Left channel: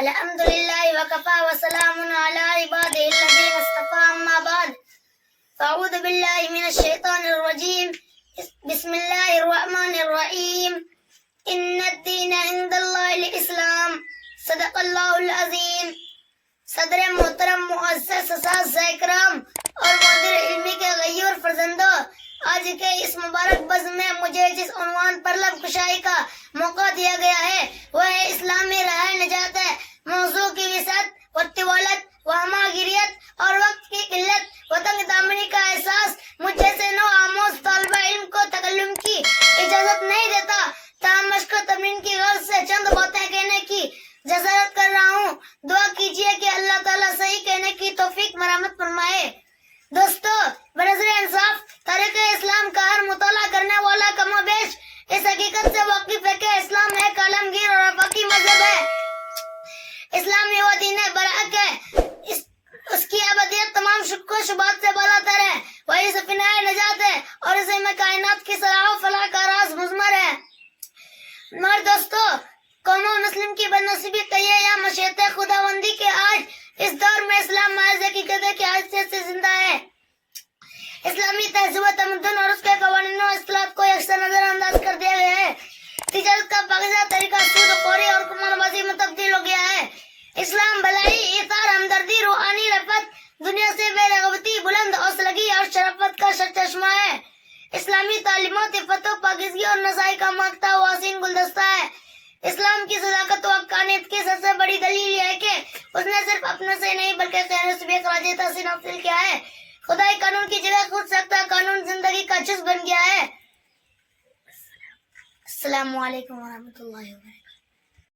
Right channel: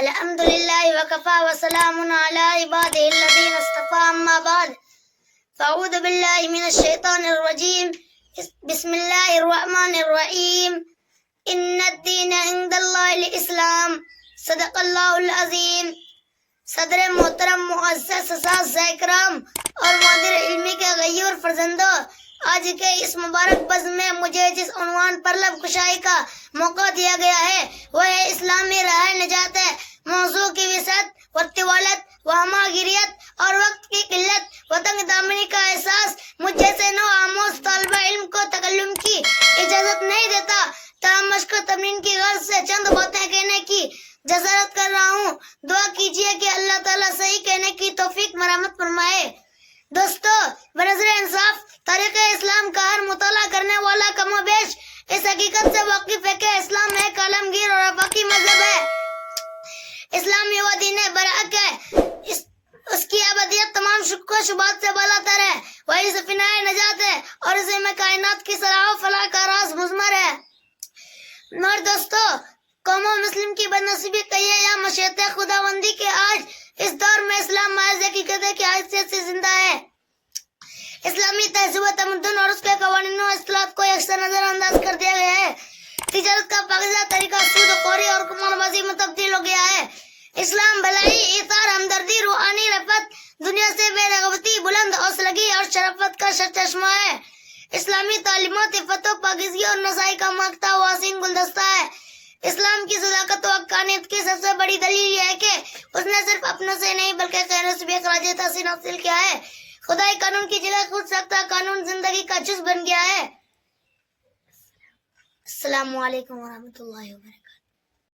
الحمد للہ وکفا وسلام علی عبادہ الذین اصطفى اما بعد فاعوذ باللہ من الشیطان الرجیم بسم اللہ الرحمن الرحیم ان الدین عند اللہ الاسلام صدق اللہ العظیم. صدر محترم معزز اساتذہ اکرام اور مدیر علمی کے غیور فرزندوں، آج کے اس مبارک بزم میں مجھے جس عنوان پر لب کشائی کا موقع دیا گیا ہے وہ ہے اسلامی راہ نجات ہے. موضوع کی وسعت و طوالت و ہماگیریت اور وقت کی قلت و تنگ دامنی کا احساس مجھ جیسے نو آموز طالب علم کو تکلم کی اجازت نہیں دیتا، تاہم مشق و تمرین کی غرض سے چند باتیں کہنے کی جسارت کر رہا ہوں. دعا کیجئے کہ اللہ تعالیٰ صحیح کہنے کی توفیق مرحمت فرمائے. دوستو، بنظر انصاف تاریخ اسلام کا ہر مطالعہ کرنے والا کم و بیش اس حقیقت سے واقف ہے کہ اسلام ایک عالمگیر اور آفاقی مذہب ہے. اسلامی وہ دین برحق ہے، اس کی ابدیت تمام شک و شبہات سے بالاتر ہے، وہی سفینہ نجات ہے اور اسے میں کائنات کی صلاح و فلاح کا راز مضمر ہے. مگر دوستو، قوم و مسلم کی بدنصیبی کہیے یا مشیت خداوندی کے آج اس دور میں اسلام محض حقیقت کی حیثیت سے زندہ ہے. اسلامی تہذیب و تمدن اور اس کے قوانین و اصطلاحات کو یکساں نظر انداز کر دیا گیا ہے. تجارت کا پاکیزہ طریقہ سود خوری اور کمال بازی میں تبدیل ہو گیا ہے. اسلام بھلائی، ایثار، ہمدردی، روحانی رفعت، دنیا سے بے رغبتی، بلند حوصلگی اور شرافت کا چشمہ ہے. اسلامی تعلیمات عفت و پاکیزگی اور نسائی کا مانگتا ہوا حسین گلدستہ ہے. اسلام کی صداقت و حقانیت کی سب سے بڑی دلیل یہ ہے کہ اس نے صرف اپنے سے نہیں بلکہ غیروں سے بھی خراج تحسین حاصل کیا ہے. خدائی قانون کی جگہ خود سختہ قانون زندگی کا جز بن گیا ہے. السلام علیکم ورحمۃ اللہ وبرکاتہ.